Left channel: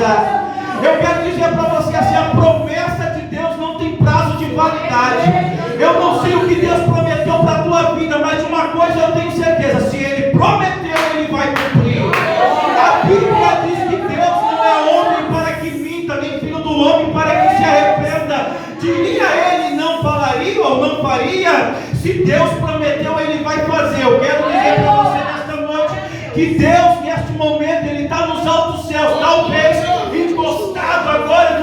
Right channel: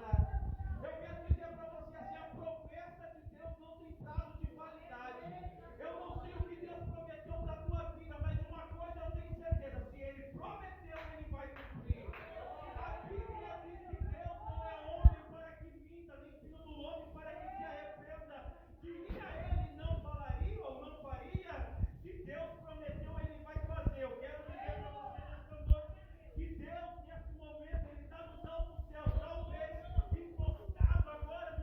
certeza. Eu quero dizer para você assim, a promessa de Deus não tem prazo de validade. Eu não sei o que Deus prometeu para a tua vida, mas de uma coisa eu tenho certeza: se Ele prometeu, Ele vai cumprir. A Bíblia diz que Deus não é homem para que minta, nem filho do homem para que se arrependa. Diria Ele, não falaria ou não faria? Se Deus prometeu, Ele vai fazer. Eu quero dizer para você nesta noite que Deus, neste momento, Ele está nos altos céus, talvez encostado agora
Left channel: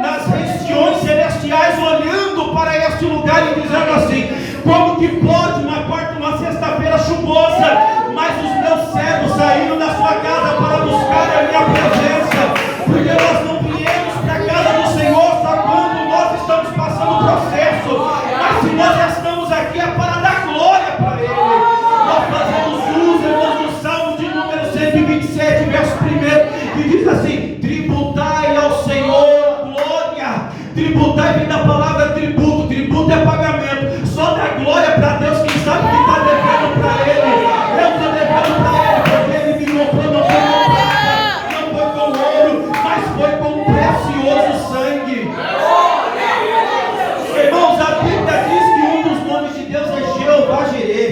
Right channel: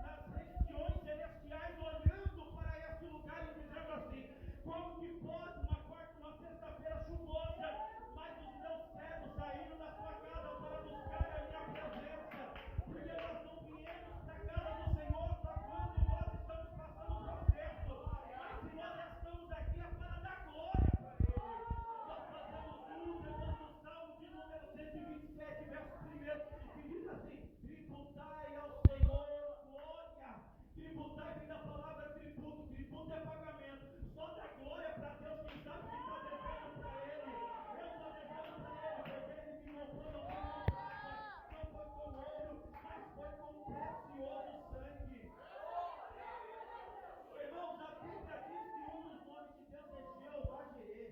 nas regiões celestiais, olhando para este lugar e dizendo assim: como que pode uma sexta-feira chuvosa, mas os meus servos saíram da sua casa para buscar a minha presença, porque nós não viemos para a casa do Senhor só quando nós estamos passando o processo, mas se nós já estamos aqui é para dar glória para Ele. Nós fazemos uso, irmãos, do Salmo de número 127, verso 1, que diz assim: tributai ao Senhor glória. Tributai vem da palavra tributo, tributo é pagamento. Só dá glória para Deus quem sabe que está devendo para Ele. Eu estou devendo para Ele porque Ele me comprou, não foi com prata, não foi com ouro, mas foi com um precioso sangue. Irmãos, a Bíblia diz que um dos nomes de Deus é Jeová Jireh.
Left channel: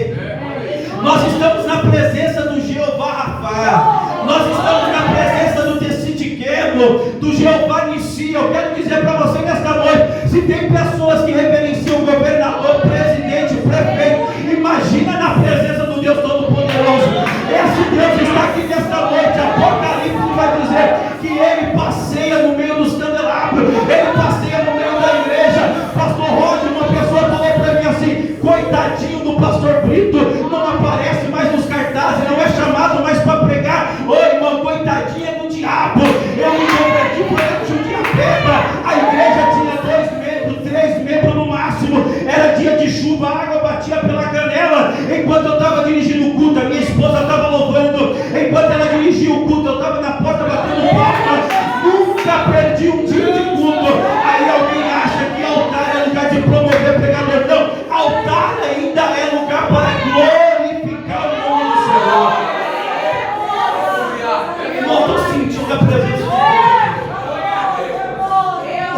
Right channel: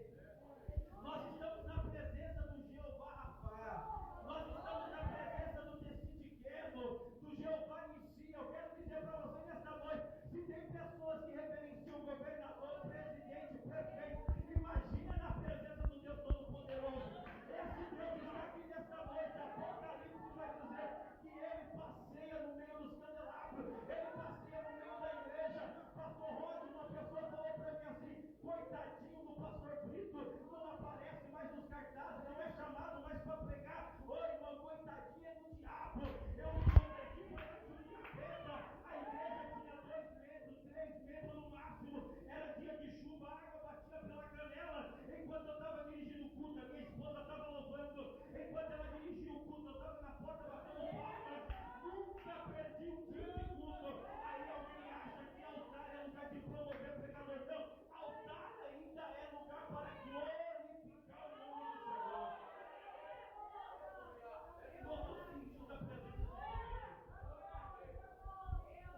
Nós estamos na presença do Jeová Rafá. Nós estamos na presença do Tessidiqueno, do Jeová Nissi. Eu quero dizer para você nesta noite: se tem pessoas que reverenciam o governador, presidente, prefeito, imagina na presença do Deus Todo-Poderoso. Esse Deus está aqui nesta noite. Apocalipse vai dizer que Ele passeia no meio dos candelabros, Ele passeia no meio da igreja. Pastor Roger, uma pessoa falou para mim assim: coitadinho do pastor Brito, não aparece mais nos cartazes, não é chamado mais para pregar. Ô irmão, coitadinha do diabo. Eu me converti por ele de um dia pedra. A igreja tinha 2 metros, 3 metros no máximo. Era dia de chuva, a água batia pela canela. Enquanto eu estava dirigindo o culto, a minha esposa estava louvando. Enquanto ela dirigia o culto, eu estava na porta batendo palmas. Nunca perdi um dia de culto. Aí alguém acha que altar é lugar de promover pregador. Não, altar ainda é lugar para glorificar o nome do Senhor. Eu estou sentindo a presença de Deus.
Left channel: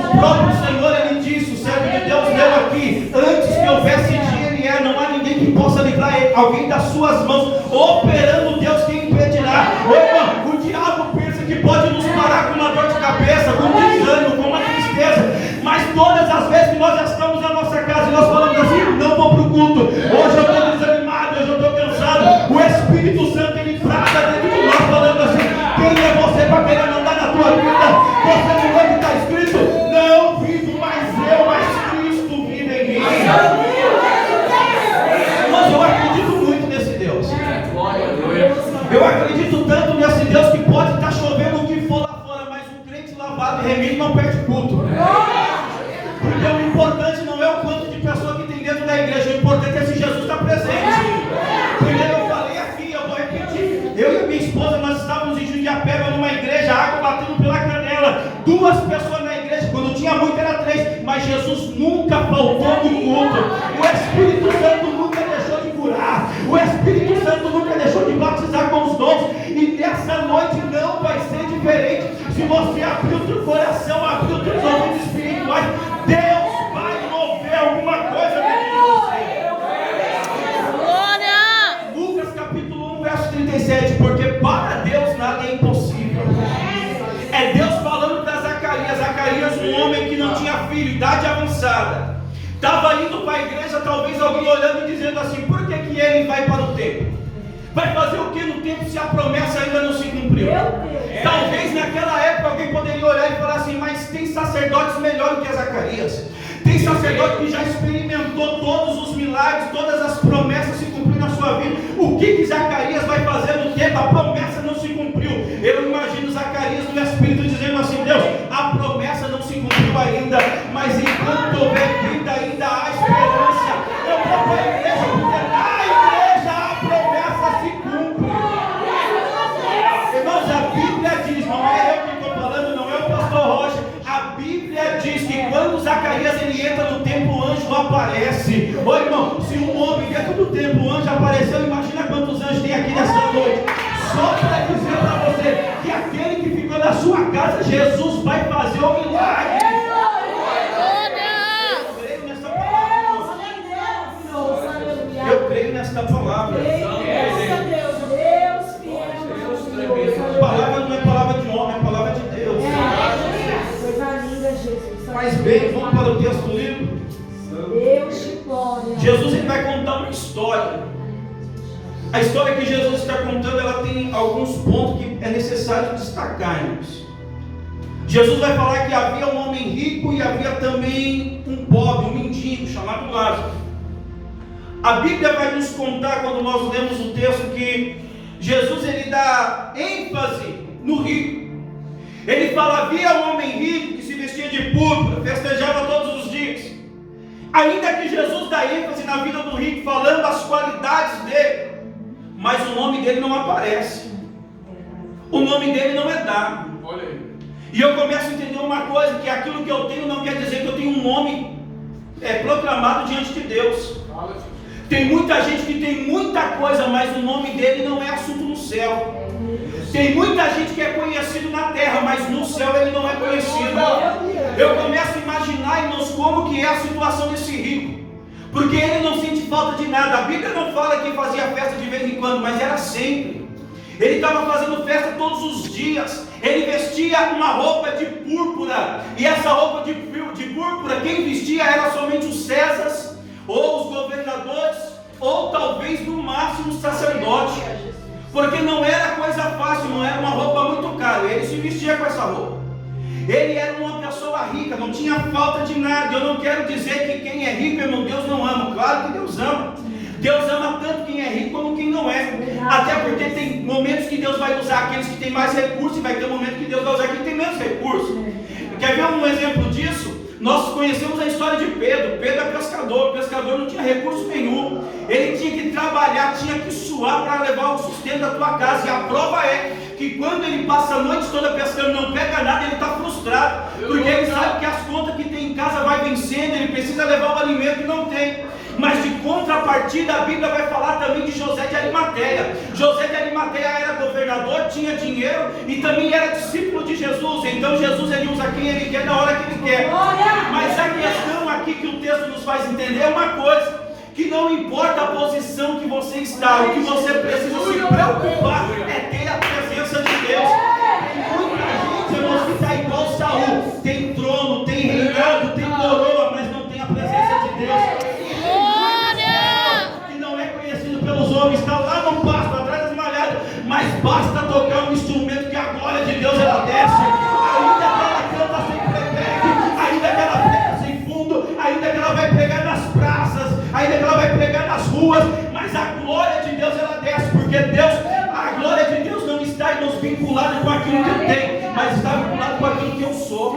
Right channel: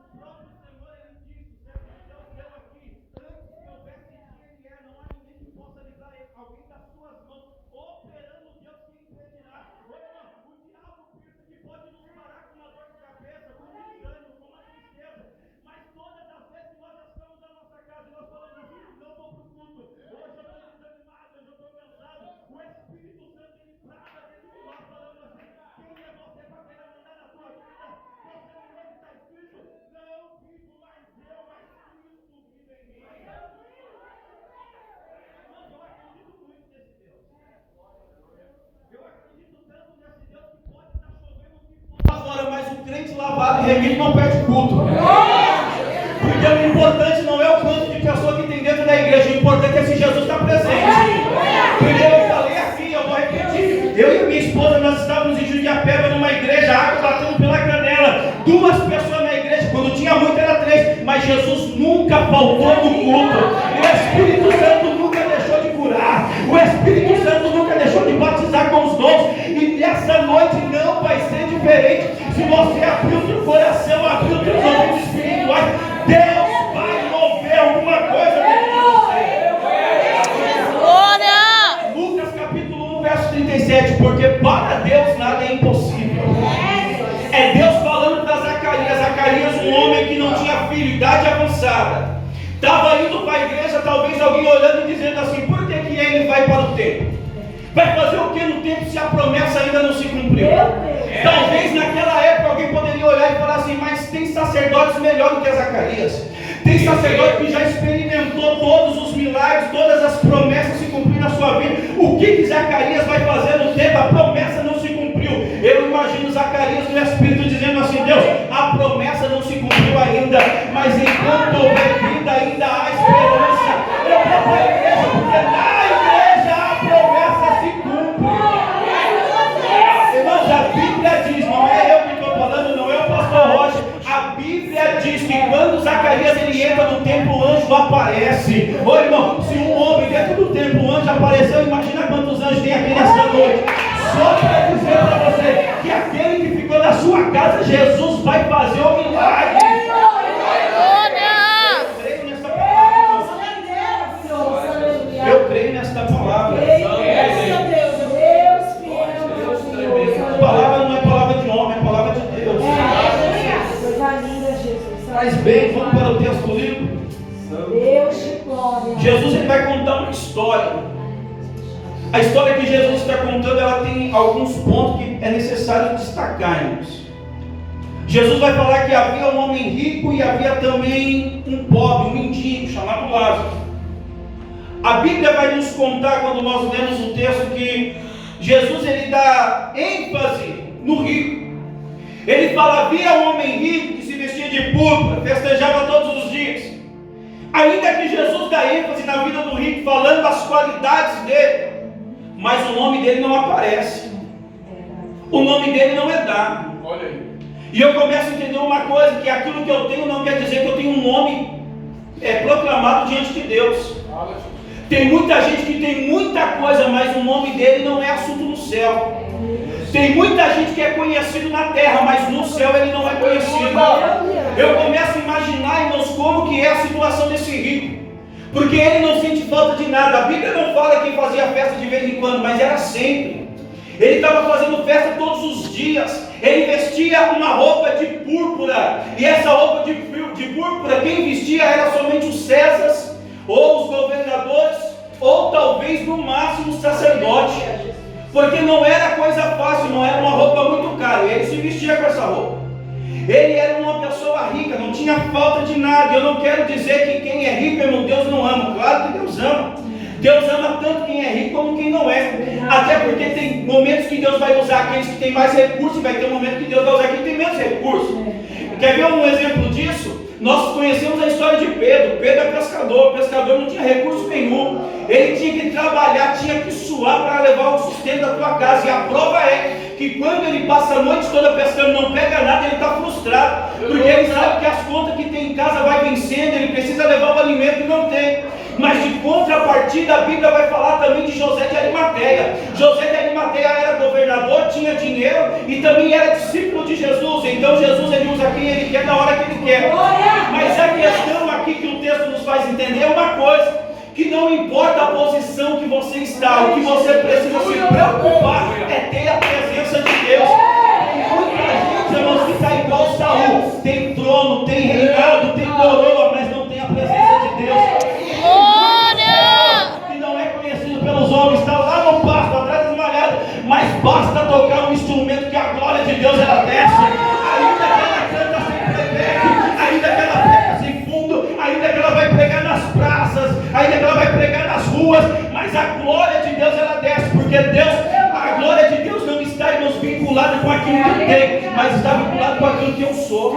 O próprio Senhor, Ele disse, o servo de Deus leu aqui: antes que houvesse dia e era, não há ninguém que possa livrar alguém das suas mãos. Operando Deus, quem impedirá? Ô irmão, o diabo pensa que pode nos parar com uma dor de cabeça, com um desânimo, com uma tristeza, mas todas as vezes que nós já estamos na nossa casa e nós falamos assim: não vou para o culto, hoje eu estou desanimado, hoje eu estou cansado, o Espírito Santo, Ele trata dentro de nós falando assim: quem é você para querer mandar na tua vida? Você não lê que está escrito: não vivo mais eu, mas Cristo vive em mim. Mas eu acredito muito nesse Deus. Eu acredito tanto nesse Deus que pode estar chovendo o que for lá fora, mas um crente lavado e remido não perde culto. Porque o importante não é o quanto de pessoa que tem dentro da igreja, o importante é se Jesus está presente. Primeiro eu falei aqui, eu vou repetir: eu e a minha esposa, nós estávamos em Jundiapeba numa igreja, a água batendo pela canela, 2 pessoas na igreja, quando tinha muito era 3, mas Jesus nunca faltou no culto. O Espírito Santo nunca deixou de curar, o Espírito Santo nunca deixou de batizar com os dons, e nessa noite não vai ser diferente. Se você abrir o teu coração, abrir os teus ouvidos espirituais, Deus vai mover alguma coisa dentro de você. Lucas capítulo 1, verso 37, porque para Deus nada é impossível. É Deus falando para Zacarias. Zacarias, um homem que não tinha filho, idade avançada, estava indo para a igreja, talvez alguém olhando e dizendo assim: por que ele vai para o templo? Vai fazer o que no templo se a promessa ainda não se cumpriu? Talvez naquela época alguém poderia olhar e falar assim: mas tem sacerdotes melhores do que Zacarias. Tem sacerdote que já experimentou todos os milagres, todas as promessas se cumpriram na sua vida. O que Zacarias vai fazer no tempo? A promessa não se cumpriu. Eu imagino Zacarias no Espírito dizendo assim: Deus, a promessa não se cumpriu ainda, mas enquanto houver vida ainda há esperança. Eu vou para a igreja porque na igreja a promessa se cumpre. Irmãos, a Bíblia diz, não é eu que estou falando, não é o pastor Roger. A Bíblia diz que quando Zacarias ele entra no templo, o anjo aparece. Ô irmão, se um homem dentro do templo, o anjo apareceu, imagina quantos anjos tem aqui nesta noite. Só para dizer para você que aquele que ficou na sua Jesus vai fazer o milagre. Eu creio nesta palavra. A palavra não é palavra de homem, é palavra de Deus. Mas bem, vamos para o texto do livro. Jesus ele vai contar uma história. A história que Jesus está contando, ela tem alguns pontos que é necessário destacar, irmãos. Jesus vai falar que havia um homem rico e havia também um pobre, um mendigo, chamado Lázaro. A Bíblia vai nos contar, quando nós lemos o texto, que Jesus ele dá ênfase no rico. Ele fala, havia um homem rico que se vestia de púrpura, festejava todos os dias. Ainda que Jesus dá ênfase na vida do rico, falando as qualidades dele, mas o nome dele não aparece. O nome dele não é dado. Olha aí. E eu começo a entender uma coisa, que aquilo que eu tenho não quer dizer que eu tenho um nome proclamado diante de Deus. Tem muita gente que tem muita coisa, mas o nome dele não é assunto no céu. Tem muita gente que é conhecido na terra, mas no céu ele não é conhecido. Eu começo a imaginar, irmãos, como que é a situação desse rico. Porque ele não sente falta de nada. A Bíblia não fala que fazia festa de vez em quando, mas era sempre. Ele estava fazendo festa todos os dias. Ele vestia uma roupa de púrpura. E essa roupa de púrpura, quem vestia era somente os Césares, ou os governadores, ou talvez no máximo o sacerdote. Porque não era coisa fácil, não era uma roupa muito cara. Ele se vestia com essa roupa. Ele era uma pessoa rica, não tinha falta de nada. Eu não quero dizer que quem é rico, meu Deus, não ama. Claro que Deus ama. Deus ama tanto quem é rico como quem não é. Até porque tem momentos que Deus vai usar aqueles que têm mais recursos, e vai ter momentos que Deus vai usar quem tem menos recursos. Quer ver um exemplo disso? Nós conhecemos a história de Pedro. Pedro é pescador. O pescador não tinha recurso nenhum. Ele tinha que trabalhar, tinha que suar para levar o sustento da tua casa. E a prova é que quando ele passa a noite toda pescando, não pega nada, ele está frustrado. Porque ele sabe que as contas que tem em casa vai vencendo, ele precisa levar o alimento e não tem. Mas de contrapartida, a Bíblia vai falar também de José de Arimateia. José de Arimateia era governador, tinha dinheiro e também era discípulo de Jesus. Então Jesus ele usa quem ele quer na hora que ele quer. Mas a questão aqui que o texto nos faz entender é uma coisa: que não importa a posição que você está, o que você precisa se preocupar é ter a presença de Deus. Muita gente, irmãos, que está igual Saul, tem trono, tem reinado, tem coroa, mas não tem a presença de Deus. Que não é conhecido pelos homens, está lá no pasto, atrás das malhadas, mas basta tocar um instrumento que a glória de Deus ela desce. Ainda que ela canta sem playback, ainda que ela prega sem fundo, ainda que ela vai pregar nas praças, ainda que ela vai pregar nas ruas, mas a glória de Deus ela desce, porque a glória de Deus não está, irmãos, vinculada com aquilo que eu tenho, mas está vinculada com aquilo que eu sou.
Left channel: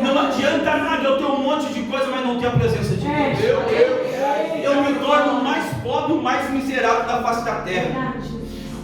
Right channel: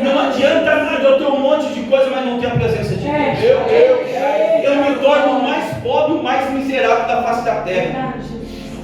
Não adianta nada eu ter um monte de coisa, mas não ter a presença de Deus. Eu me torno o mais pobre, o mais miserável da face da terra.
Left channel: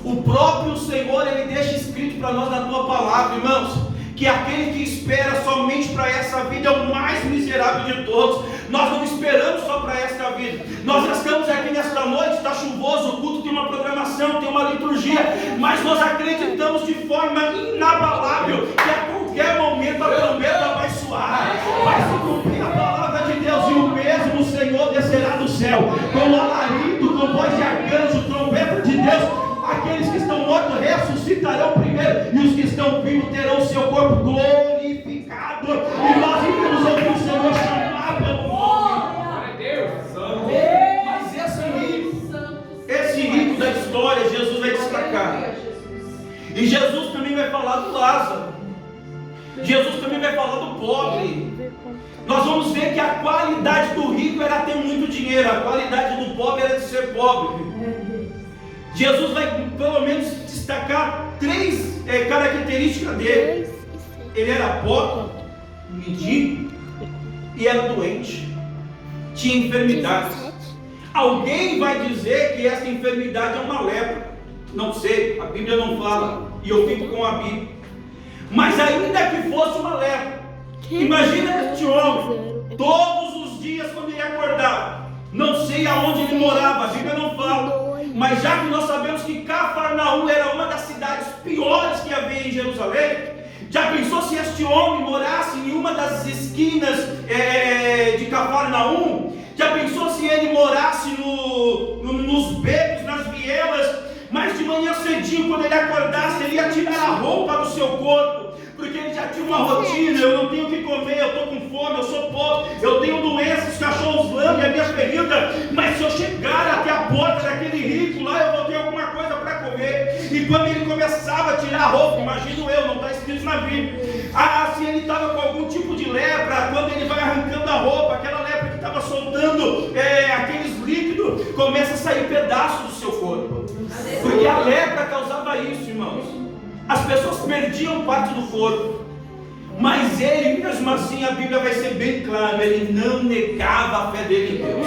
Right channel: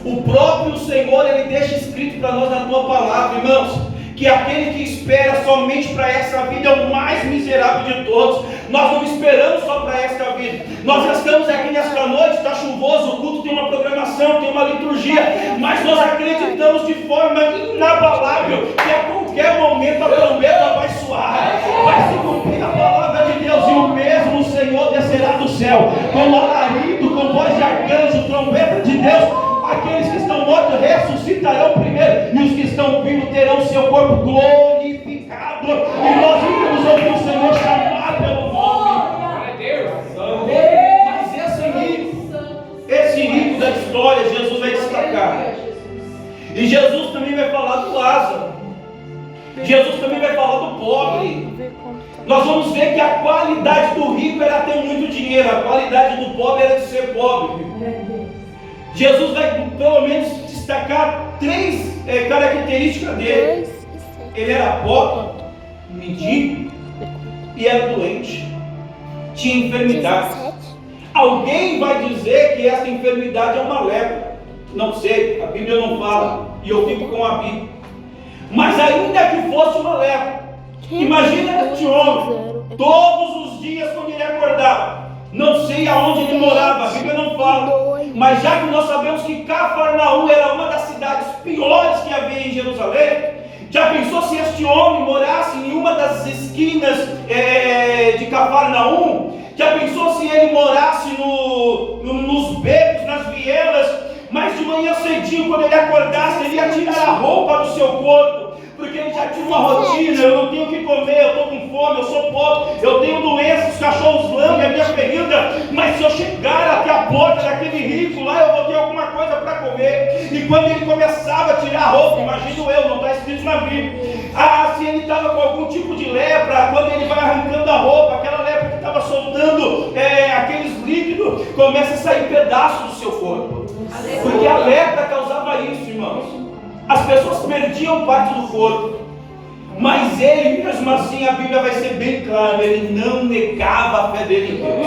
O próprio Senhor, Ele deixa escrito para nós na tua palavra, irmãos, que aquele que espera somente para essa vida é o mais miserável de todos. Nós não esperamos só para esta vida. Nós já estamos aqui nesta noite, está chuvoso, o culto tem uma programação, tem uma liturgia, mas nós acreditamos de forma inabalável que a qualquer momento a trombeta vai soar, vai se cumprir a palavra de Deus, e o mesmo Senhor descerá do céu com alarido, com voz de arcanjo, trombeta de Deus. Aqueles que estão mortos ressuscitarão primeiro, e os que estão vivos terão seu corpo glorificado. E nós vamos ouvir o Senhor chamar pelo nome. Mas esse rico da história, Jesus vai destacar. E Jesus também vai falar do Lázaro. Jesus também vai falar do pobre. Nós vamos ver que a qualidade do rico era ter muito dinheiro, a qualidade do pobre era de ser pobre. Jesus vai pelo menos destacar 3 características dele. Ele era pobre, mendigo e era doente, tinha enfermidades. Alguém vai dizer que essa enfermidade é uma lepra. Não sei, a Bíblia não fala, e eu fico com a Bíblia. Mas ainda que fosse uma lepra, imagina este homem, todos os dias quando ele acordava, não sei aonde ele morava, a Bíblia não fala, mas já que nós sabemos que Cafarnaum era uma das cidades piores que havia em Jerusalém? Já pensou se este homem morasse em uma das esquinas de Cafarnaum? Já pensou se ele morasse nos becos, nas vielas? Mas de manhã cedinho, quando ele acordasse, ele ia tirar a roupa do seu corpo, porque ele já tinha uma rotina. Eu não tenho o que comer, eu estou com fome, eu sou pobre, eu tenho doenças, os cachorros lambem a minha ferida, mas se eu chegar até a porta daquele rico lá, eu vou ter alguma coisa para comer. E quando ele começava a tirar a roupa, imagino eu, não está escrito na Bíblia, se ele estava com algum tipo de lepra, quando ele vai arrancando a roupa, aquela lepra que estava soltando aqueles líquidos, começa a sair pedaços do seu corpo. Porque a lepra causava isso, irmãos. As pessoas perdiam parte do corpo, mas ele, mesmo assim, a Bíblia vai ser bem clara, ele não negava a fé dele em Deus.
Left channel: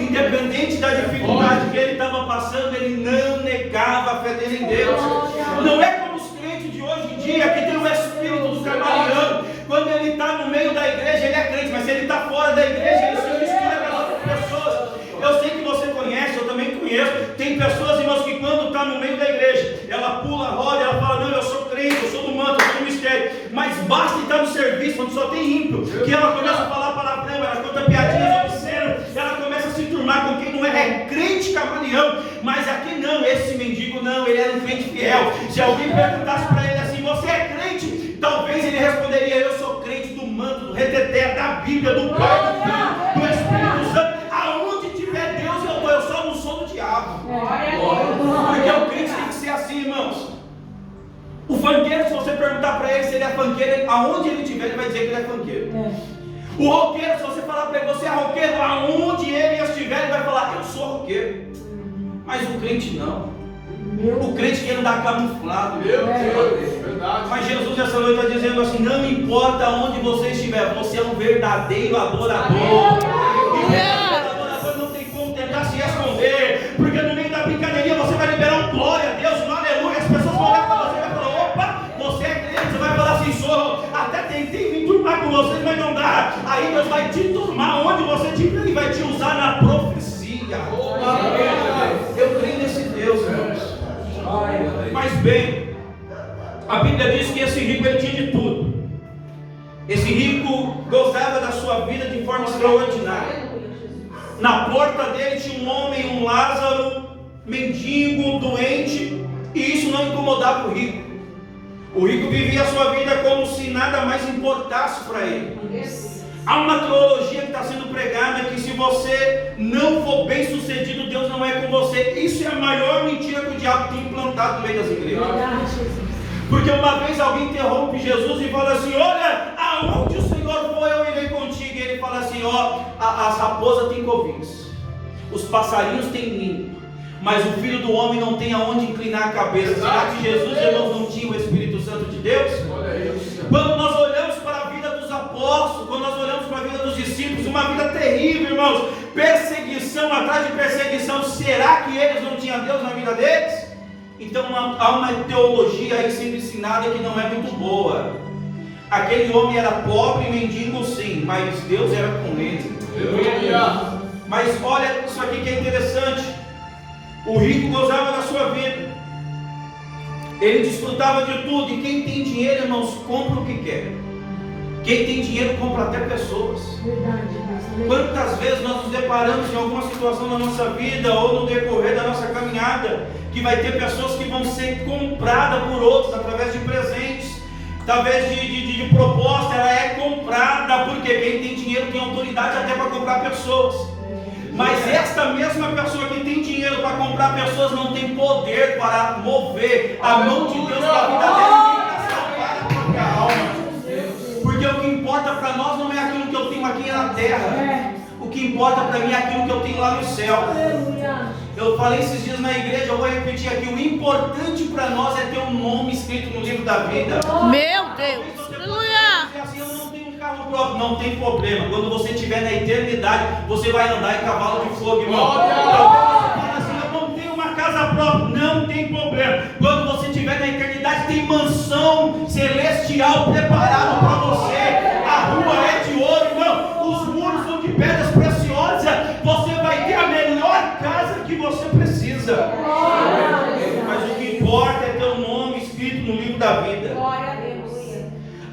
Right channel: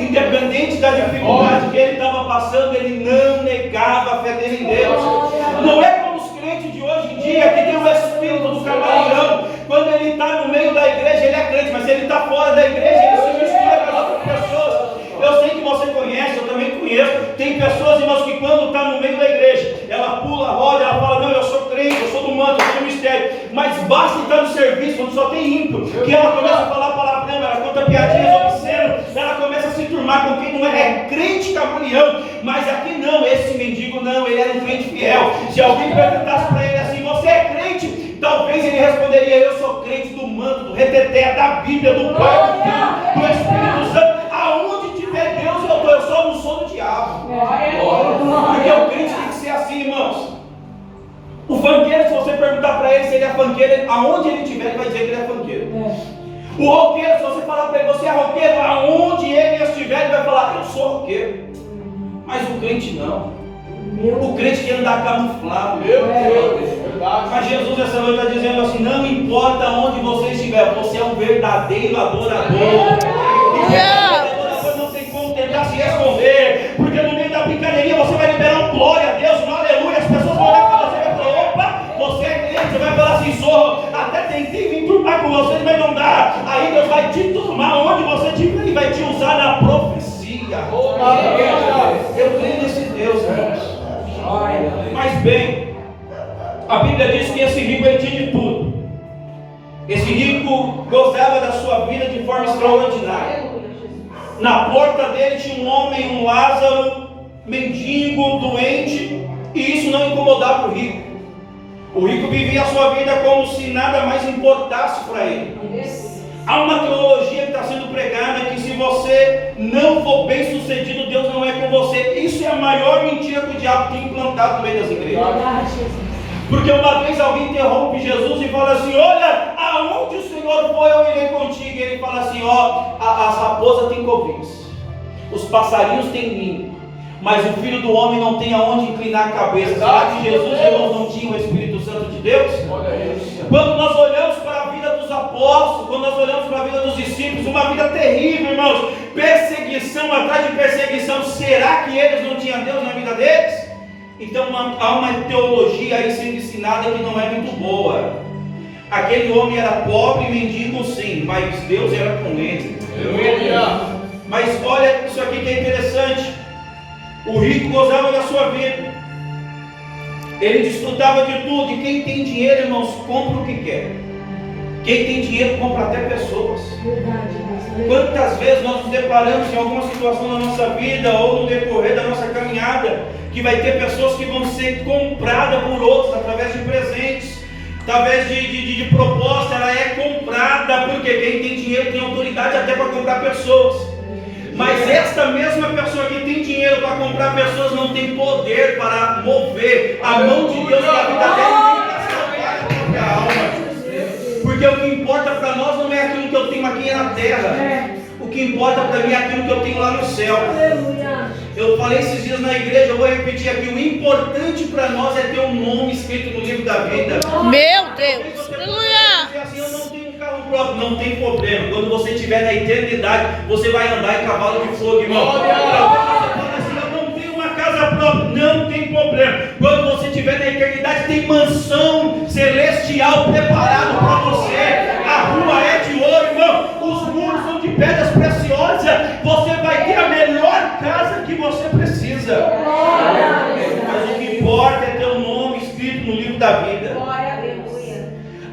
Independente da dificuldade que ele estava passando, ele não negava a fé dele em Deus. Não é como os crentes de hoje em dia, que tem o espírito do camaleão. Quando ele está no meio da igreja, ele é crente, mas se ele está fora da igreja, ele se mistura com as outras pessoas. Eu sei que você conhece, eu também conheço. Tem pessoas, irmãos, que quando está no meio da igreja, ela pula, roda, ela fala, não, eu sou crente, eu sou do manto, eu sou do mistério. Mas basta estar no serviço, onde só tem ímpio, que ela começa a falar palavrão, ela conta piadinhas obscenas, ela começa a se turmar com quem não é crente camaleão. Mas aqui não, esse mendigo não, ele era um crente fiel. Se alguém perguntasse para ele assim, você é crente? Talvez ele responderia, eu sou crente do manto, do reteté, da Bíblia, do Pai, do Filho, do Espírito Santo. Aonde tiver Deus, eu só não sou do diabo. Porque o crente tem que ser assim, irmãos. O funkeiro, se você perguntar para ele se ele é funkeiro, aonde ele estiver, ele vai dizer que ele é funkeiro. O roqueiro, se você falar para ele, você é roqueiro, aonde ele estiver, ele vai falar, eu sou roqueiro. Mas o crente não. O crente quer andar camuflado. Meu Deus, verdade. Mas Jesus essa noite está dizendo assim, não importa onde você estiver, você é um verdadeiro adorador. E o verdadeiro adorador não tem como tentar se esconder, porque no meio da brincadeirinha você vai liberar um glória a Deus, um aleluia, as pessoas vão olhar para você e vai falar, opa, você é crente, você vai falar assim, sou, até tentei vir turmar com você, mas não dá. Aí Deus vai te turmar onde você estiver, Ele vai te usar na profecia. Eu creio nesse Deus, irmãos. Mas bem, a Bíblia diz que esse rico ele tinha de tudo. Esse rico gozava da sua vida de forma extraordinária. Na porta dele tinha um homem, um Lázaro, mendigo, doente, e isso não incomodava o rico. O rico vivia a sua vida como se nada mais importasse para ele. Há uma teologia que está sendo pregada que se você não for bem sucedido, Deus não é com você. Isso é a maior mentira que o diabo tem implantado no meio das igrejas. Porque uma vez alguém interrompe Jesus e fala assim, olha, aonde o Senhor foi, eu irei contigo. E ele fala assim, a raposa tem covis, os passarinhos têm ninho, mas o Filho do Homem não tem aonde inclinar a cabeça. Será que Jesus não tinha o Espírito Santo de Deus? Quando nós olhamos para a vida dos apóstolos, quando nós olhamos para a vida dos discípulos, uma vida terrível, irmãos, perseguição atrás de perseguição. Será que eles não tinham Deus na vida deles? Então há uma teologia aí sendo ensinada que não é muito boa. Aquele homem era pobre e mendigo sim, mas Deus era com ele. Mas olha isso aqui que é interessante. O rico gozava da sua vida, ele desfrutava de tudo. E quem tem dinheiro, irmãos, compra o que quer. Quem tem dinheiro compra até pessoas. Quantas vezes nós nos deparamos em alguma situação da nossa vida ou no decorrer da nossa caminhada, que vai ter pessoas que vão ser compradas por outros através de presentes, através de proposta. Ela é comprada, porque quem tem dinheiro tem autoridade até para comprar pessoas. Mas esta mesma pessoa que tem dinheiro para comprar pessoas não tem poder para mover a mão de Deus para a vida dela e salvar a própria alma. Porque o que importa para nós não é aquilo que eu tenho aqui na terra. O que importa para mim é aquilo que eu tenho lá no céu. Eu falei esses dias na igreja, eu vou repetir aqui. O importante para nós é ter um nome escrito no livro da vida. Meu Deus! Aleluia! Assim, eu não tenho um carro próprio, não tem problema. Quando você estiver na eternidade, você vai andar em cavalo de fogo, irmão. Assim, eu não tenho uma casa própria, não tem problema. Quando você estiver na eternidade, tem mansão celestial preparada para você. A rua é de ouro, irmão. Os muros são de pedras preciosas. Você vai ter a melhor casa que você precisa. Mas o que importa é ter um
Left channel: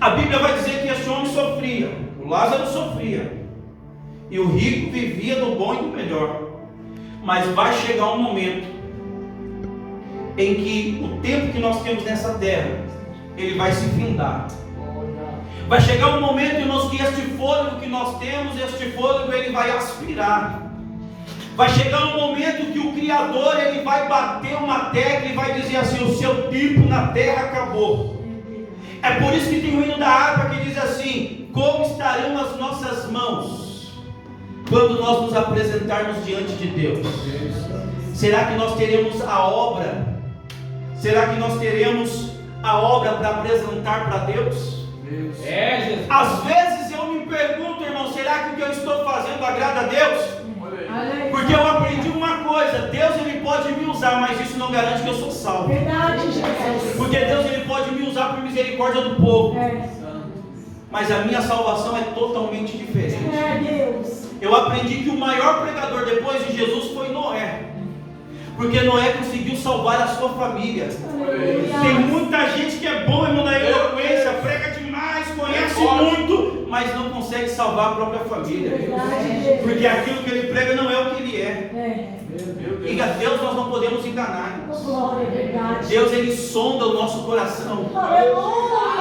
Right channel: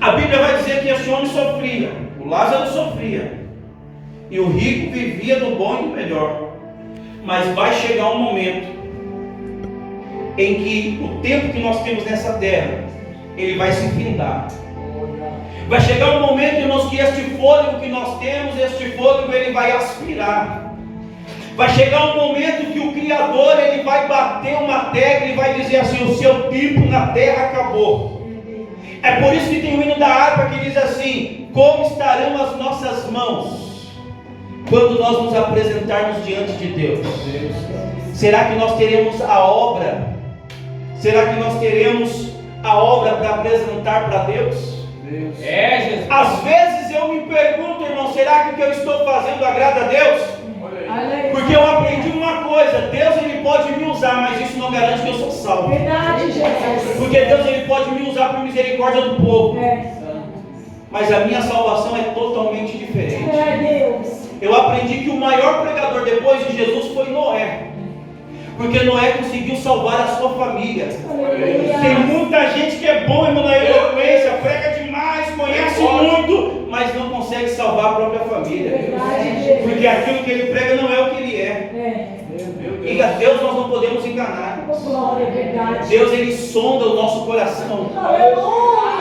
A Bíblia vai dizer que esse homem sofria, o Lázaro sofria, e o rico vivia do bom e do melhor. Mas vai chegar um momento em que o tempo que nós temos nessa terra, ele vai se findar. Vai chegar um momento, irmãos, que este fôlego que nós temos, este fôlego ele vai aspirar. Vai chegar um momento que o Criador ele vai bater uma tecla e vai dizer assim: o seu tempo na terra acabou. É por isso que tem o hino da harpa que diz assim: como estarão as nossas mãos quando nós nos apresentarmos diante de Deus? Será que nós teremos a obra? Será que nós teremos a obra para apresentar para Deus? Jesus. Às vezes eu me pergunto, irmão, será que o que eu estou fazendo agrada a Deus? Porque eu aprendi uma coisa: Deus ele pode me usar, mas isso não garante que eu sou salvo. Verdade, Jesus. Porque Deus ele pode me usar por misericórdia do povo. Mas a minha salvação é totalmente diferente. Deus. Eu aprendi que o maior pregador depois de Jesus foi Noé. Porque Noé conseguiu salvar a sua família. Tem muita gente que é bom, irmão, na eloquência, prega demais, conhece muito, mas não consegue salvar a própria família. Porque aquilo que ele prega não é o que ele é. E a Deus nós não podemos enganar. Deus ele sonda o nosso coração.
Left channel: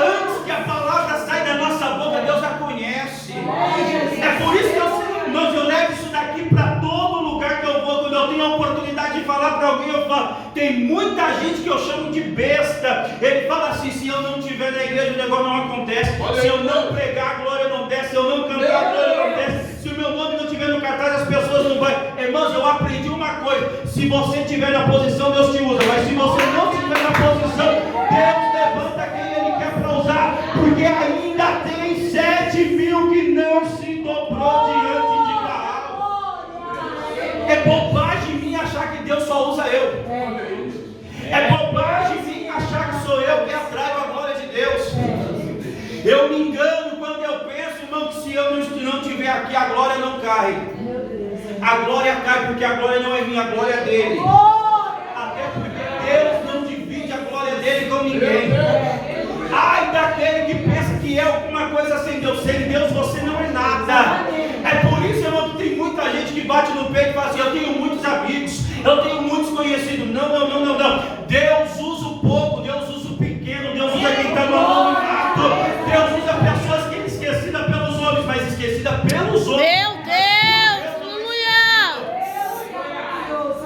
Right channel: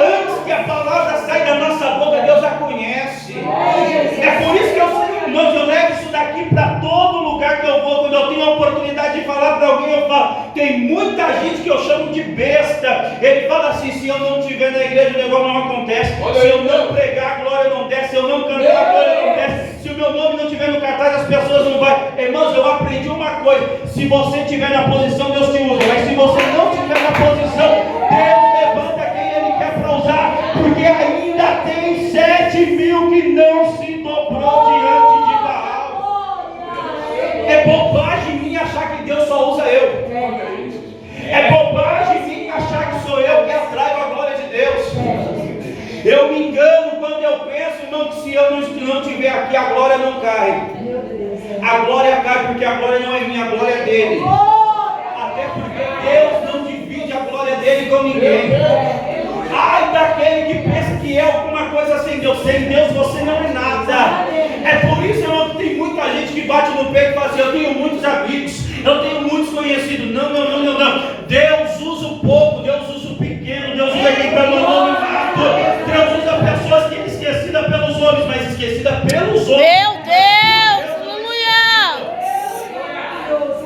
Antes que a palavra saia da nossa boca, Deus a conhece. É por isso que eu levo isso daqui para todo lugar que eu vou. Quando eu tenho a oportunidade de falar para alguém, eu falo. Tem muita gente que eu chamo de besta. Ele fala assim: se eu não estiver na igreja, o negócio não acontece. Se eu não pregar, a glória não desce. Se eu não cantar, a glória não desce. Se o meu nome não estiver no cartaz, as pessoas não vão. Irmãos, eu aprendi uma coisa: se você estiver na posição, Deus te usa. Mas se você não estiver na posição, Deus levanta quem Ele quer para usar. Porque ainda tem 7.000 que não se dobrou diante de Baal. É bobagem minha achar que Deus só usa eu. É bobagem minha achar que sou eu que atraio a glória de Deus. Eu me engano quando eu penso, irmão, que se eu não estiver aqui, a glória não cai. A glória cai porque a glória não é minha, a glória é dele. Até porque Deus não divide a glória dele com ninguém. Ai daquele que pensa que é alguma coisa sem Deus. Sem Deus você não é nada. É por isso, irmão, que tem muita gente que bate no peito e fala assim: eu tenho muitos amigos, eu tenho muitos conhecidos. Não. Deus usa o pouco, Deus usa o pequeno, Deus usa quem está no anonimato. Deus usa pessoas que é esquecida pelos homens, mas esquecida pelos homens. Meu Deus,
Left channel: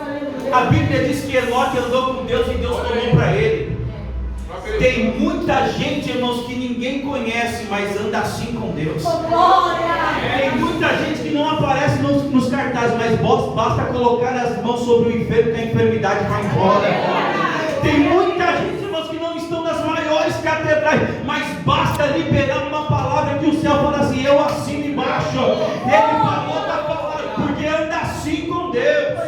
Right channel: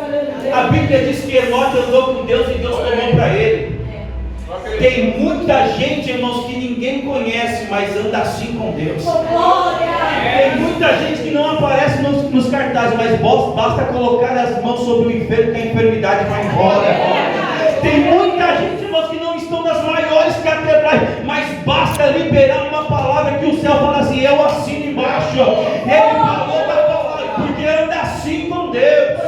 aleluia. A Bíblia diz que Enoque andou com Deus e Deus tomou para ele. Tem muita gente, irmãos, que ninguém conhece, mas anda assim com Deus. Tem muita gente que não aparece nos cartazes, mas basta colocar as mãos sobre o enfermo que a enfermidade vai embora. Tem muita gente, irmãos, que não estão nas maiores catedrais, mas basta liberar uma palavra que o céu fala assim: eu assino embaixo. Ele falou da palavra, porque anda assim com Deus.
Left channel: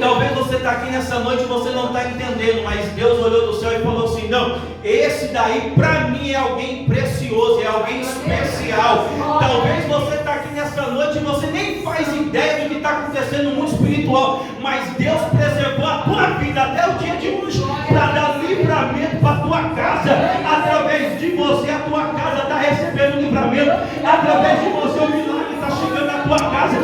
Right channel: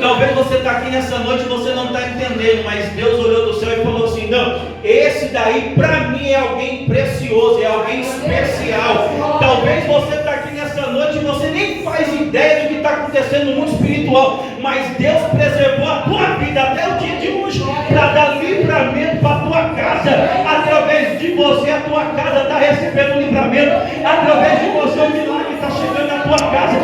Talvez você está aqui nessa noite e você não está entendendo, mas Deus olhou do céu e falou assim: não, esse daí para mim é alguém precioso, é alguém especial. Talvez você está aqui nessa noite e você nem faz ideia do que está acontecendo no mundo espiritual, mas Deus preservou a tua vida até o dia de hoje para dar livramento para a tua casa. Através de você, a tua casa está recebendo livramento. Através de você, o milagre está chegando na tua casa.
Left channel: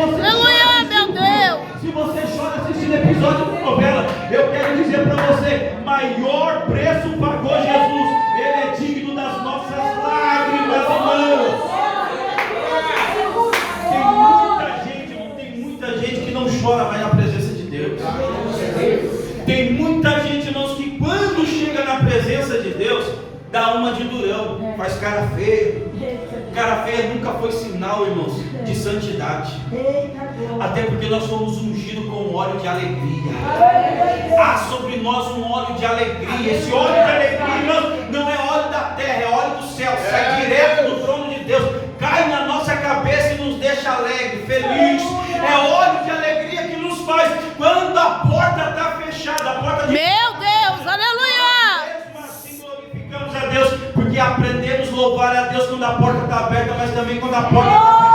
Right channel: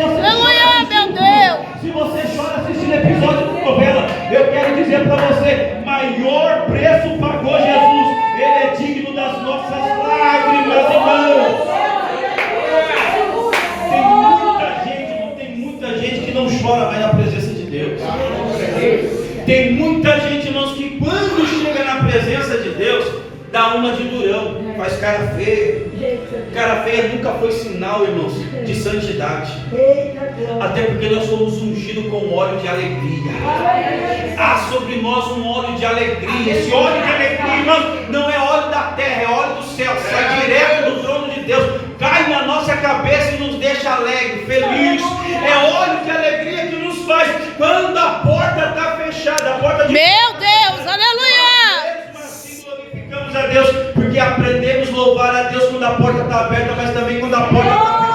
Aleluia, meu Deus. Se você chora assistindo episódio de novela, eu quero dizer para você: maior preço pagou Jesus. Ele é digno das nossas lágrimas, irmãos. Tem muita gente que não chora mais na presença de Deus. Tem muita gente, irmãos, que quando chega na presença de Deus, dá uma de durão, faz cara feia. Cara feia nunca foi sinal, irmãos, de santidade. Até porque nós somos ungidos com óleo de alegria. Há sobre nós um óleo de alegria. Esse óleo de alegria, irmãos, não é óleo da terra, é óleo do céu. Sai direto do trono de Deus, cai na nossa cabeça e nos deixa alegre, feliz. É óleo de alegria que nos faz quando a porta está fechada, a porta de... Meu Deus, aleluia. Glorificamos a Deus, porque aprendemos a louvar a Deus quando a porta está aberta, mas também quando a porta está fechada.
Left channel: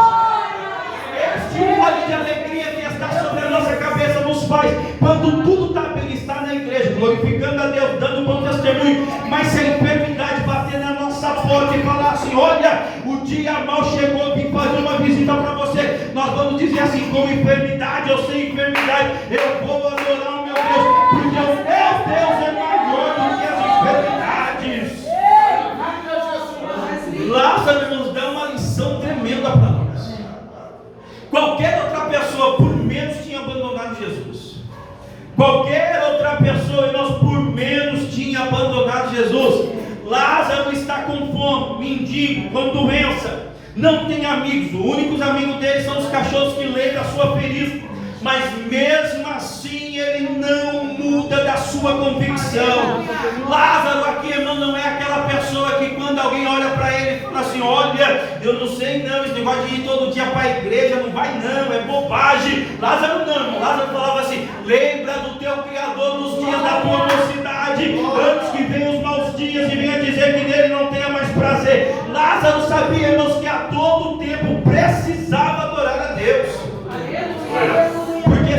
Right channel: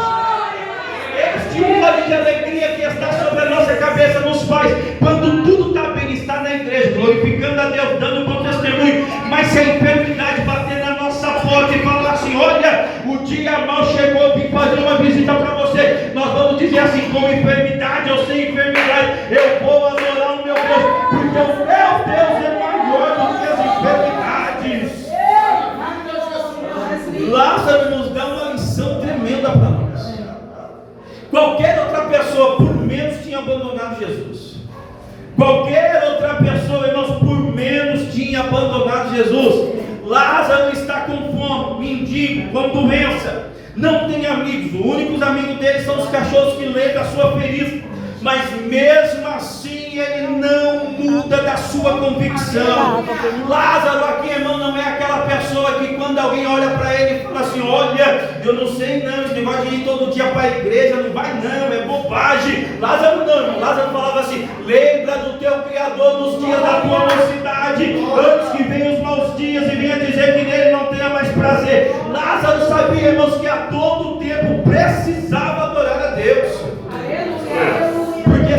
Este óleo de alegria que está sobre a nossa cabeça cabeça nos faz. Quando tudo está bem, está na igreja, glorificando a Deus, dando bom testemunho. Mas se a enfermidade bater na nossa porta e falar assim: olha, o dia mal chegou, eu vim fazer uma visita para você, nós vamos dizer assim: com enfermidade ou sem enfermidade, eu vou adorar o meu Deus, porque o meu Deus é maior do que as enfermidades. Lázaro nos dá uma lição tremenda para nós. Qualquer outra pessoa por menos tinha abandonado Jesus. Qualquer outra pessoa, irmãos, por menos tinha abandonado Jesus. Lázaro está com fome, mendigo, com doença, não tem amigos. Os únicos amigos dele são os cachorros que levam a sua ferida. Mas mesmo assim ele não muda da sua convicção. Lázaro aqui, irmão, não é aquela pessoa que quando alguém olha para ele e fala assim: olha, eu não sei não, esse negócio de ir todo dia para a igreja, não vai não, é bobagem. Lázaro não, irmão. Lázaro falava assim: lembra do teu Criador nos dias da tua mocidade, antes que venham os maus dias e venha dizer que nele não tenha mais prazer. Lázaro sabia, irmãos, que a todo tempo precisava adorar a Deus. Porque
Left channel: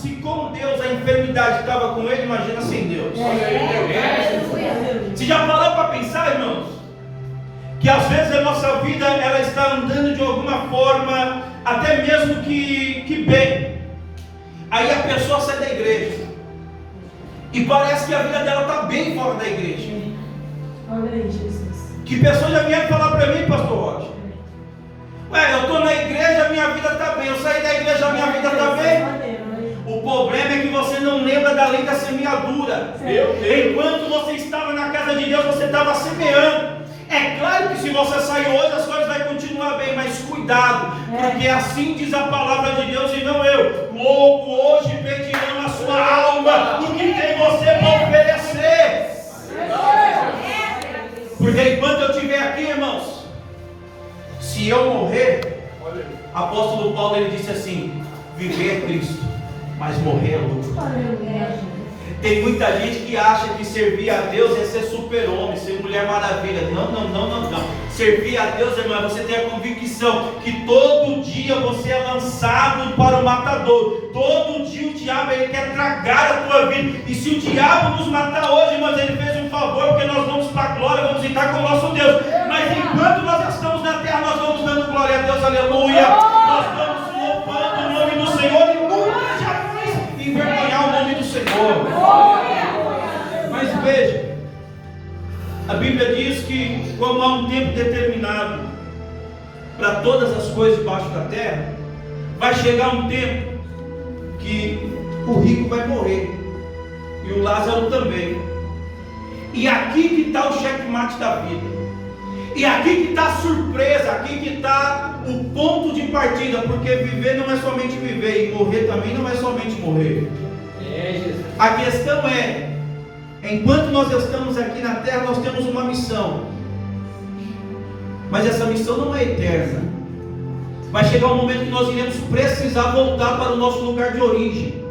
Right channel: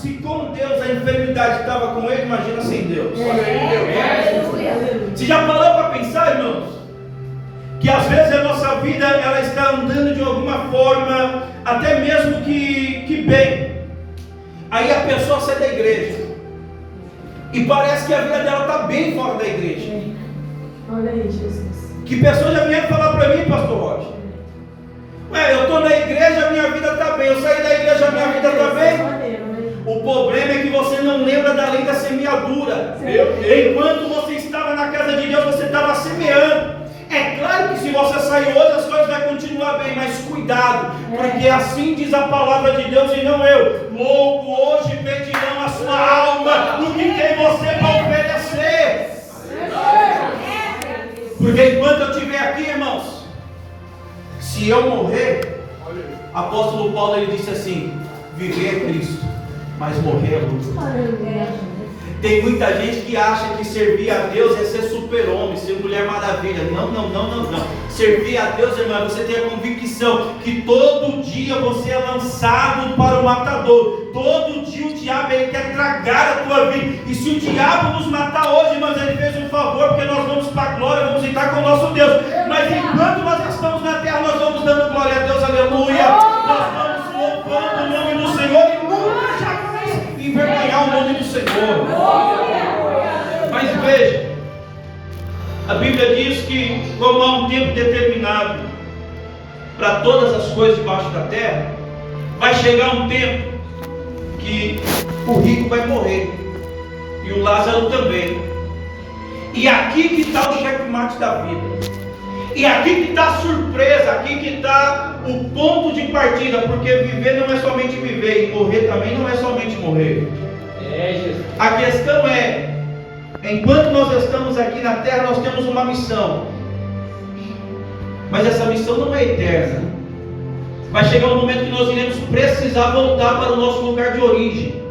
se com Deus a enfermidade estava com ele, imagina sem Deus. Você já parou para pensar, irmãos, que às vezes a nossa vida ela está andando de alguma forma, até mesmo que bem, aí a pessoa sai da igreja e parece que a vida dela está bem fora da igreja. Olha aí, Jesus. Que pessoas já vieram falar para mim, pastor Roger: ué, eu estou na igreja, minha vida está bem. Eu saí da igreja, minha vida está bem. O problema é que você não lembra da lei da semeadura. Enquanto você estava na casa de Deus, você estava semeando. É claro que se você sair hoje, as coisas vão continuar bem, mas cuidado, porque assim diz a palavra de Deus e não eu. Logo hoje pedirão a sua alma o que tem você para oferecer. Porque enquanto eu estiver aqui, irmãos, se eu morrer, apóstolo Paulo ele disse assim: viver é Cristo, mas morrer é lucro. Tem muita gente que acha que servir a Deus é ser super-homem, ser mulher maravilha. Não. Servir a Deus, irmão, você tem a convicção que todo dia você é lançado para o matador. Todo dia o diabo ele quer tragar a tua vida. E se o diabo nos matar hoje, mas ele fez um favor, porque nós vamos para a glória, vamos estar com o nosso Deus. Mas enquanto nós estamos na terra, nós vamos dando glória a Deus, aleluia. Nós vamos louvando o nome do Senhor e nunca jamais envergonhar o nome do Senhor. Mas veja, a Bíblia diz que como há um tempo determinado para todas as coisas debaixo da terra, vai chegar um tempo que o rico vai morrer e o Lázaro também. E aqui que está o checkmate da vida. E aqui que está a surpresa, aqui que está o ponto de partida, porque viver não é somente viver, e morrer também não é somente morrer. A questão é, enquanto nós estamos aqui na terra, nós temos uma missão, mas essa missão não é eterna. Vai chegar um momento que nós iremos precisar voltar para o nosso lugar de origem,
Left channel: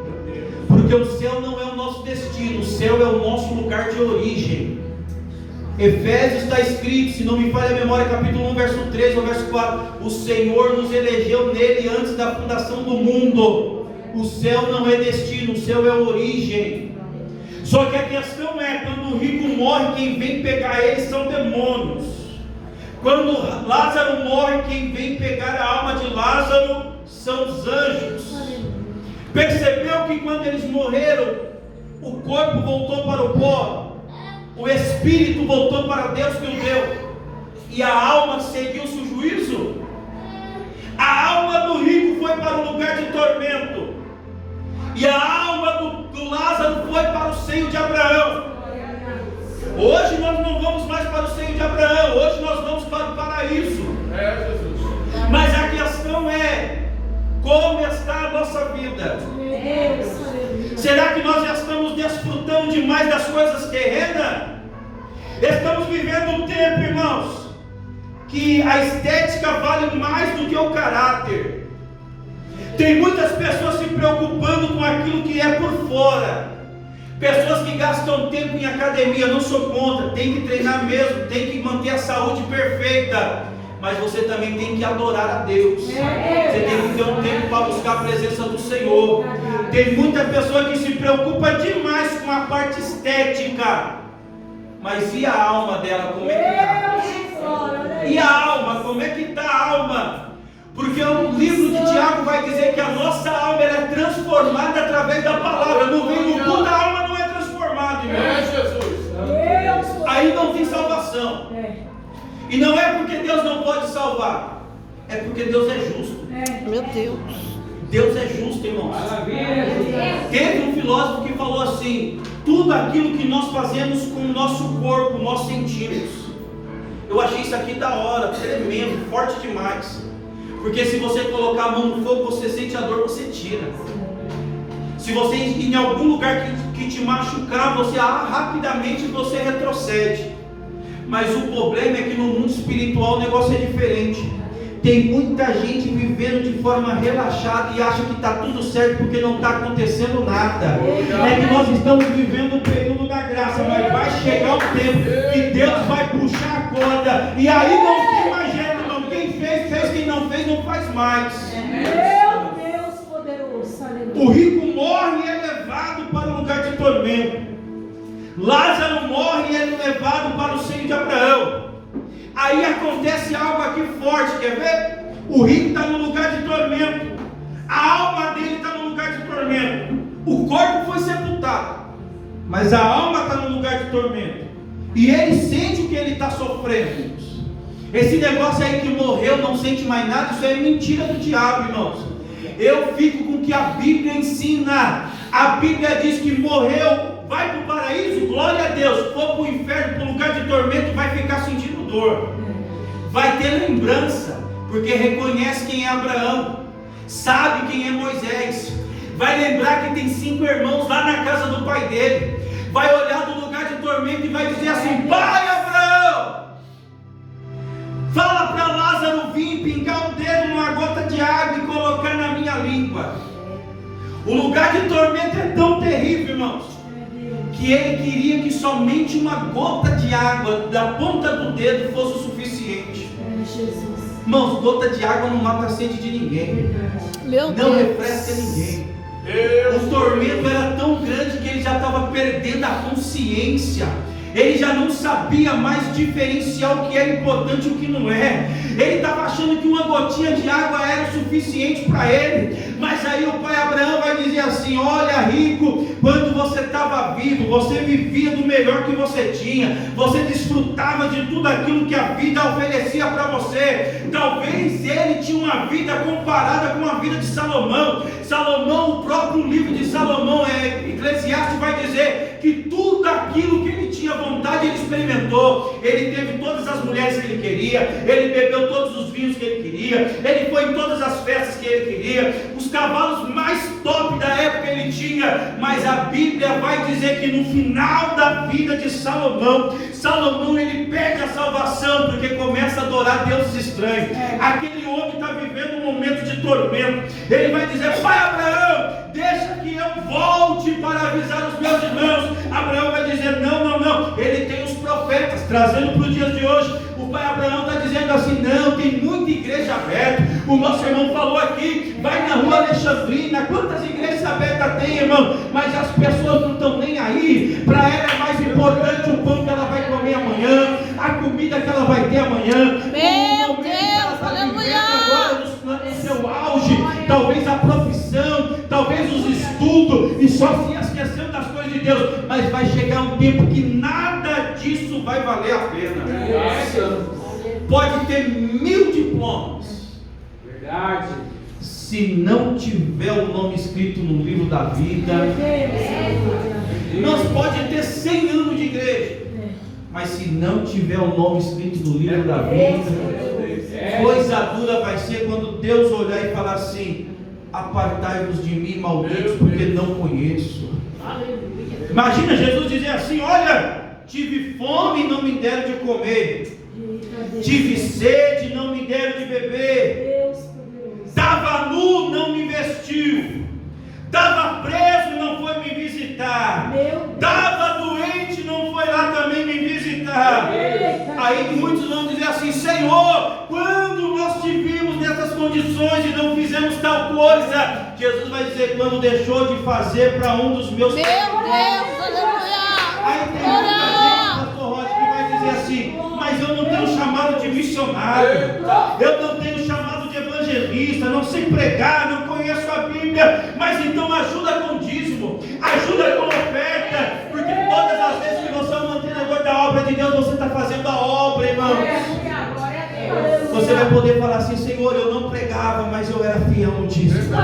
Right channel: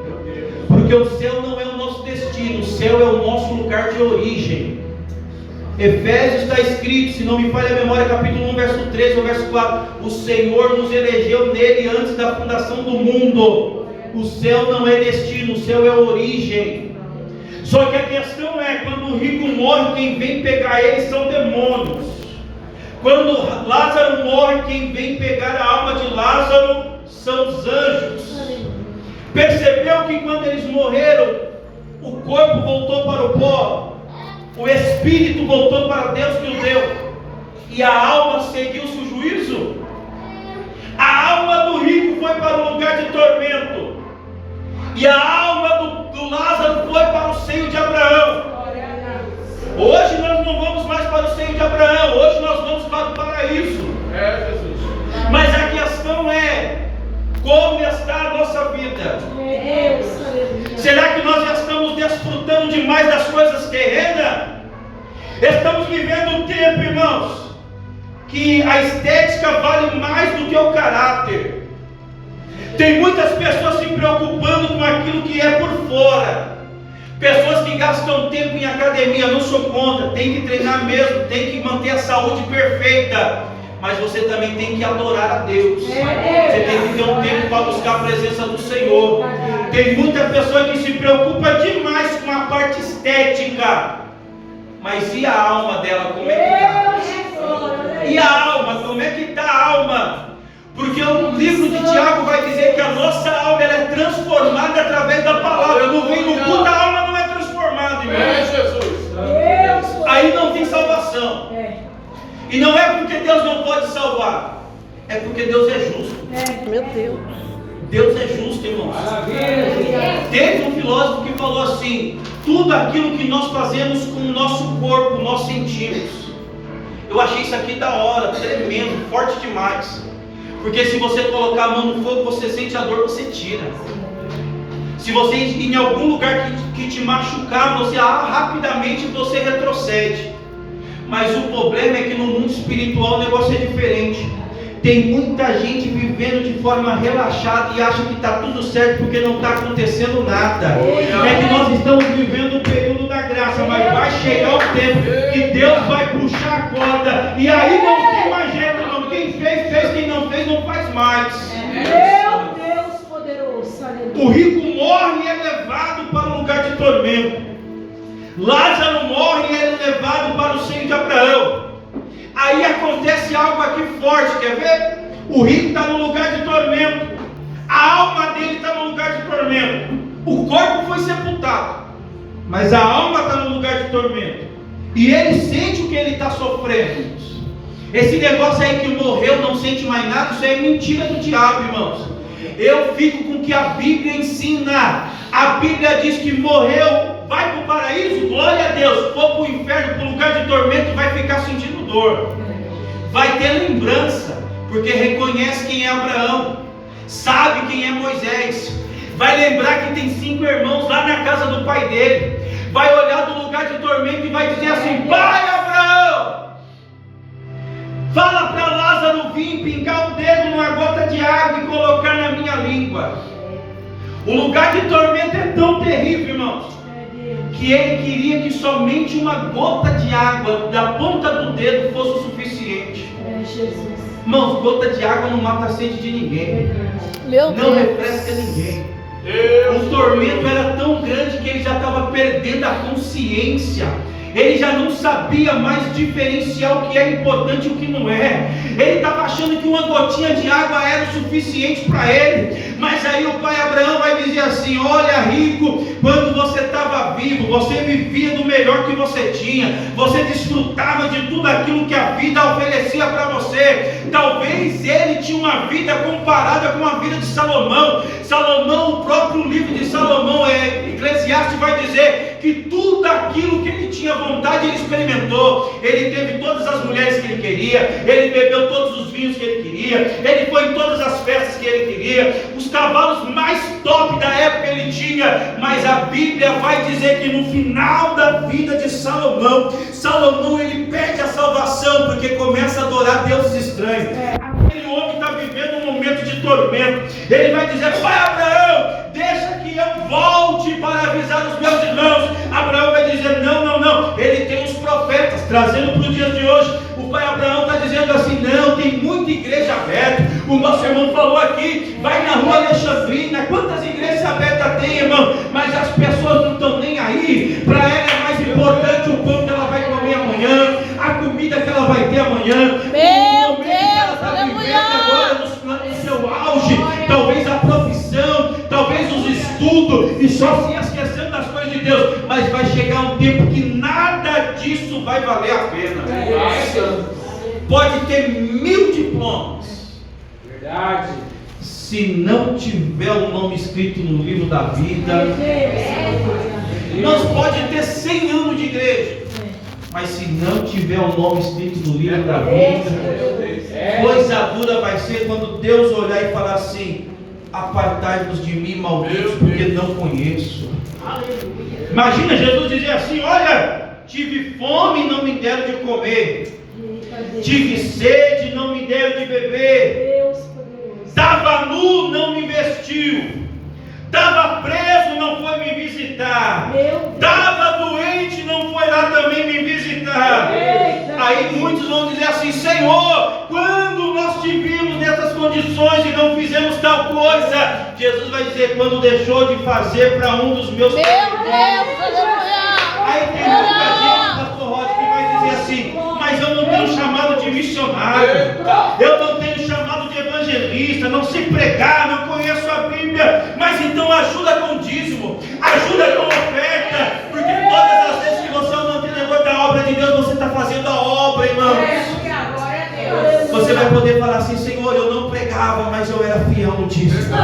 porque o céu não é o nosso destino, o céu é o nosso lugar de origem. Efésios está escrito, se não me falha a memória, capítulo 1, verso 3 ou verso 4: o Senhor nos elegeu nele antes da fundação do mundo. O céu não é destino, o céu é origem. Só que a questão é, quando o rico morre, quem vem pegar ele são demônios. Quando Lázaro morre, quem vem pegar a alma de Lázaro são os anjos. Percebeu que quando eles morreram, o corpo voltou para o pó, o espírito voltou para Deus que o deu, e a alma seguiu-se o juízo. A alma do rico foi para o lugar de tormento, e a alma do Lázaro foi para o seio de Abraão. Hoje nós não vamos mais para o seio de Abraão, hoje nós vamos para o paraíso. Mas a questão é, como está a nossa vida? Será que nós já estamos desfrutando demais das coisas terrenas? Estamos vivendo um tempo, irmãos, que a estética vale mais do que o caráter. Tem muitas pessoas se preocupando com aquilo que é por fora. Pessoas que gastam tempo em academia, não sou contra, tem que treinar mesmo, tem que manter a saúde perfeita. mas você também tem que adorar a Deus. Você tem que ter um tempo para buscar a presença do Senhor. Tem muita pessoa que se preocupa demais com a parte estética, mas e a alma dela, como é que está? E a alma, como é que está a alma? Porque o livro de Tiago vai dizer que a nossa alma ela é transformada através da palavra. Eu não venho no culto, a alma não é transformada, irmão. Aí não tem salvação. E não é porque Deus não pode salvar, é porque Deus é justo. Meu Deus. Deus é justo, irmãos. Teve um filósofo que falou assim: tudo aquilo que nós fazemos com o nosso corpo, nós sentimos. Eu achei isso aqui da hora, tremendo, forte demais. Porque se você colocar a mão no fogo, você sente a dor, você tira. Se você ir em algum lugar que te machucar, você rapidamente você retrocede. Mas o problema é que no mundo espiritual o negócio é diferente. Tem muita gente vivendo de forma relaxada e acha que está tudo certo porque não está acontecendo nada. É que nós estamos vivendo o período da graça, mas vai chegar o tempo que Deus vai puxar a corda e aí não tem mais jeito não. Quem fez, fez. Quem não fez, não faz mais. Meu Deus poderoso. O rico morre e é levado para um lugar de tormento. Lázaro morre e é levado para o seio de Abraão. Aí acontece algo aqui forte, quer ver? O rico está no lugar de tormento, a alma dele está no lugar de tormento. O corpo foi sepultado, mas a alma está no lugar de tormento. E ele sente o que ele está sofrendo. Esse negócio aí que morreu, não sente mais nada, isso é mentira do diabo, irmãos. Eu fico com o que a Bíblia ensina. A Bíblia diz que morreu, vai para o paraíso, glória a Deus. For para o inferno, para o lugar de tormento, vai ficar sentindo dor. Vai ter lembrança, porque reconhece quem é Abraão, sabe quem é Moisés. Vai lembrar que tem 5 irmãos lá na casa do pai dele. Vai olhar do lugar de tormento e vai dizer assim: pai Abraão, fala para Lázaro vir pingar o dedo numa gota de água e colocar na minha língua. O lugar de tormento é tão terrível, irmãos, que ele queria que somente uma gota de água da ponta do dedo fosse o suficiente. Irmãos, gota de água não mata a sede de ninguém, não refresca ninguém. O tormento era tão grande que ele já estava perdendo a consciência. Ele já não sabia mais diferenciar o que é importante e o que não é. Ele estava achando que uma gotinha de água era o suficiente para ele. Mas aí o pai Abraão vai dizer assim: olha, rico, quando você estava vivo, você vivia do melhor que você tinha, você desfrutava de tudo aquilo que a vida oferecia para você. Talvez ele tinha uma vida comparada com a vida de Salomão. Salomão, o próprio livro de Salomão, Eclesiastes, vai dizer que tudo aquilo que ele tinha vontade ele experimentou. Ele teve todas as mulheres que ele queria, ele bebeu todos os vinhos que ele queria, ele foi em todas as festas que ele queria, os cavalos mais top da época ele tinha. Mas a Bíblia vai dizer que no final da vida de Salomão ele perde a salvação, porque começa a adorar deuses estranhos. Aquele homem está vivendo um momento de tormento. Ele vai dizer: pai Abraão, deixa que eu volte para avisar os meus irmãos. Abraão vai dizer: não. Ele tem os profetas, trazendo para os dias de hoje. O pai Abraão está dizendo assim: não, tem muita igreja aberta. O nosso irmão falou aqui, vai na rua Alexandrina, quantas igrejas abertas tem, irmão? Mas as pessoas não estão nem aí. Para ela é mais importante o pão que ela vai comer amanhã, a comida que ela vai ter amanhã. Meu Deus, aleluia. Agora no seu auge, talvez a profissão, talvez os estudos, e só se esquecendo das coisas de Deus. Mas vai chegar um tempo que nada disso vai valer a pena. Pode ter 1000 diplomas, verdade, se não tiver o nome escrito no livro da vida. Nós pode ter 100 anos de igreja, mas se não tiver o nome escrito no livro da vida, coisa dura vai ser quando Deus olhar e falar assim: apartai-vos de mim, malditos, porque não conheço. Imagina Jesus dizer assim: olha, tive fome e não me deram de comer, tive sede e não me deram de beber, estava nu, não me vestiu, estava preso, não foi me visitar, estava doente, não foi lá também me visitar. Aí muitos vão dizer assim: Senhor, quando nós te vimos nessas condições e não fizemos tal coisa. Jesus vai dizer, quando deixou de fazer para um dos meus Meu filhos. Deus, aleluia. Aí tem muita gente, pastor Rod, que vai dizer assim, mas eu não tenho chamado de missionário, eu não tenho chamado de evangelista, não sei pregar, não conheço a Bíblia, mas então ajuda com dízimo, ajuda com oferta, porque todas as vezes que você é um mantenedor da obra de Deus, você está fazendo a obra, irmãos. Você vai poder falar assim, Senhor, eu não pregava, mas eu era fiel no dízimo.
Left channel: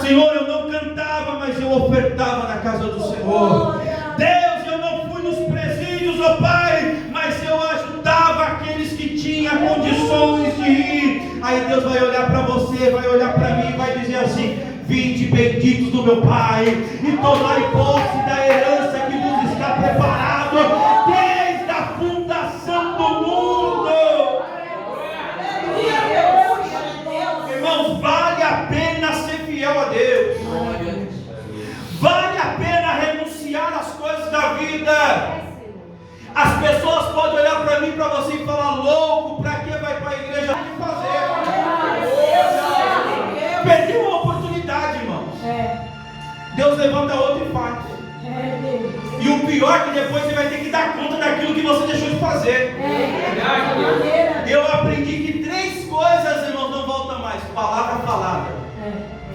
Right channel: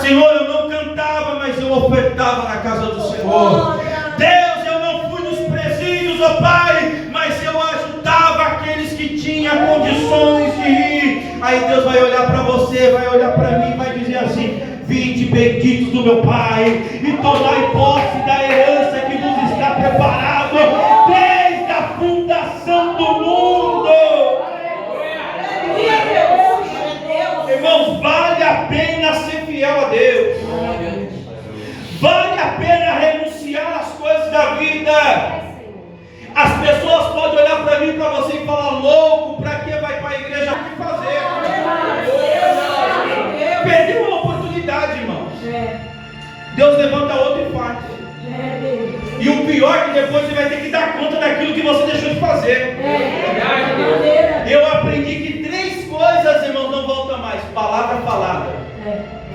Senhor, eu não cantava, mas eu ofertava na casa do Senhor. Deus, eu não fui nos presídios, ó Pai, mas eu ajudava aqueles que tinham condições de ir. Aí Deus vai olhar para você, vai olhar para mim e vai dizer assim, vinde benditos do meu Pai, e tomai posse da herança que vos está preparado desde a fundação do mundo. Irmãos, vale a pena ser fiel a Deus. Vale a pena renunciar às coisas da vida. As pessoas podem olhar para mim e para você e falar, louco, para que vai para a igreja? O que fazer? Perdeu uma oportunidade, irmãos. Deus levanta outra e faz. E o pior é que depois você vai ter que dar conta daquilo que você deixou de fazer. Eu aprendi que 3 coisas, irmãos, não voltam mais: palavra falada,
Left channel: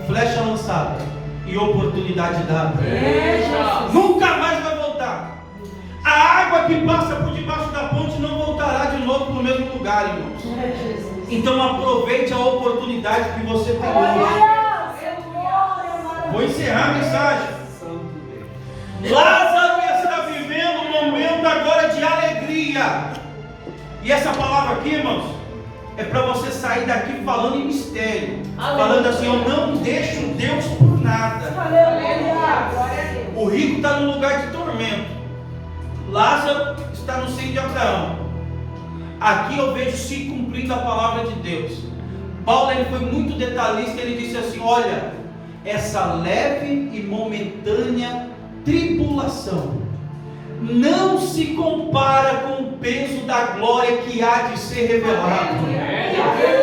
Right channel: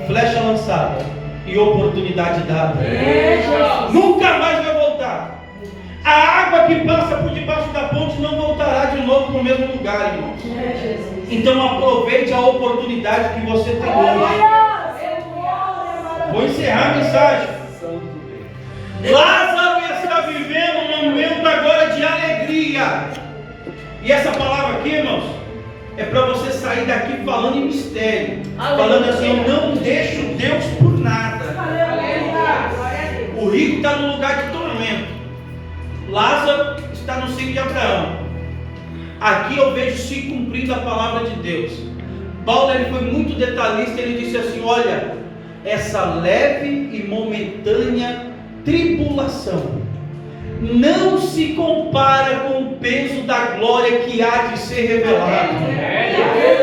flecha lançada e oportunidade dada. Nunca mais vai voltar. A água que passa por debaixo da ponte não voltará de novo para o mesmo lugar, irmãos. Então aproveite a oportunidade que você tem hoje. Vou encerrar a mensagem. Lázaro está vivendo um momento agora de alegria. E essa palavra aqui, irmãos, é para você sair daqui falando em mistério. Falando assim, eu não deixo Deus por nada. O rico está no lugar de tormento. Lázaro está no seio de Abraão. Aqui eu vejo se cumprindo a palavra de Deus. Paulo, ele foi muito detalhista. Ele disse assim, olha, essa leve e momentânea tribulação não se compara com o peso da glória que há de ser revelado.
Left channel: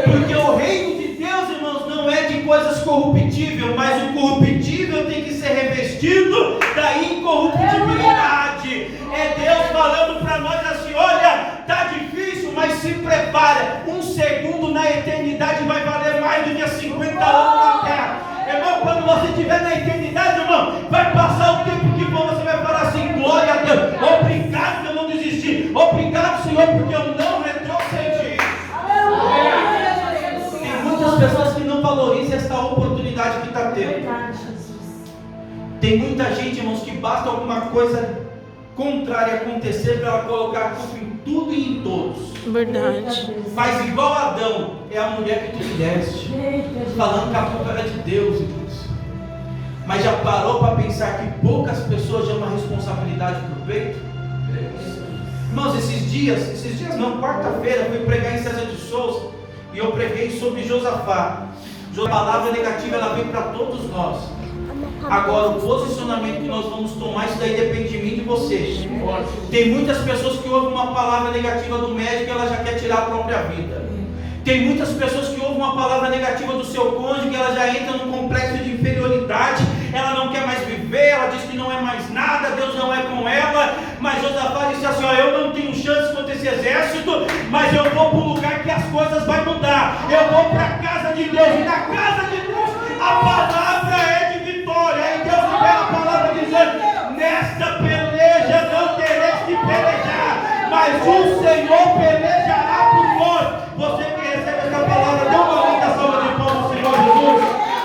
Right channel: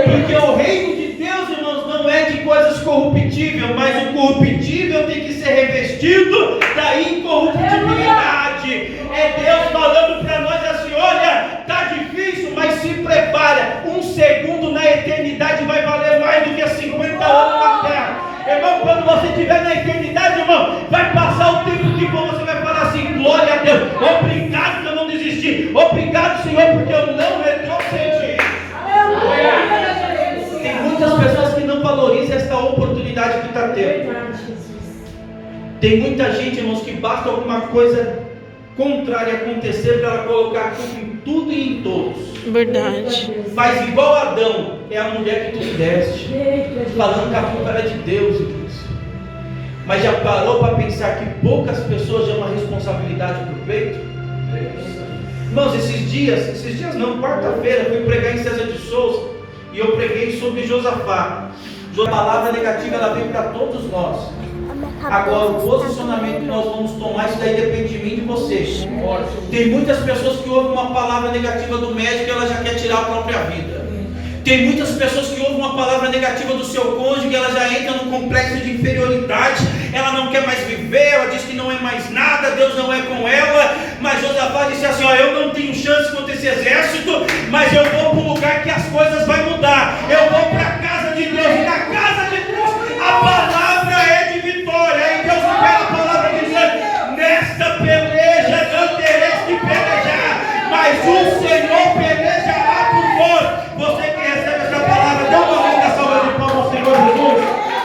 Porque o reino de Deus, irmãos, não é de coisas corruptíveis, mas o corruptível tem que ser revestido da incorruptibilidade. É Deus falando para nós assim, olha, está difícil, mas se prepara. 1 segundo na eternidade vai valer mais do que 50 anos na terra. Irmão, quando você estiver na eternidade, irmão, vai passar o tempo que for, você vai falar assim, glória a Deus, obrigado que eu não desisti, obrigado, Senhor, porque eu não retrocedi. Tem muitas pessoas que não valorizam esta oportunidade que está tendo. Tem muita gente, irmãos, que basta alguma coisa contrária acontecer para ela colocar a culpa em tudo e em todos. Verdade. Mas igual Adão, é a mulher que tu deste, falando que a culpa era de Deus, irmãos. Mas já parou para pensar que poucas pessoas dão uma responsabilidade para o peito? Irmãos, esses dias não, quarta-feira, fui pregar em César de Souza e eu preguei sobre Josafá. A palavra negativa ela vem para todos nós. Agora, o posicionamento que nós vamos tomar, isso daí depende de mim e de vocês. Tem muitas pessoas que ouvem uma palavra negativa do médico e ela já quer tirar a própria vida. Tem muitas pessoas que ouvem uma palavra negativa do seu cônjuge e ela já entra num complexo de inferioridade. Ela não quer mais viver, ela diz que não é mais nada, Deus não é com ela. Mas Josafá disse assim, ó, eu não tenho chance contra esse exército, mas eu vou para um lugar que as coisas vão mudar. Eu vou para a casa de Deus, e na casa de Deus a palavra é de vitória. Aí Deus libera a palavra dizendo, nesta peleja não tereis que pelejar, mas o Senhor peleja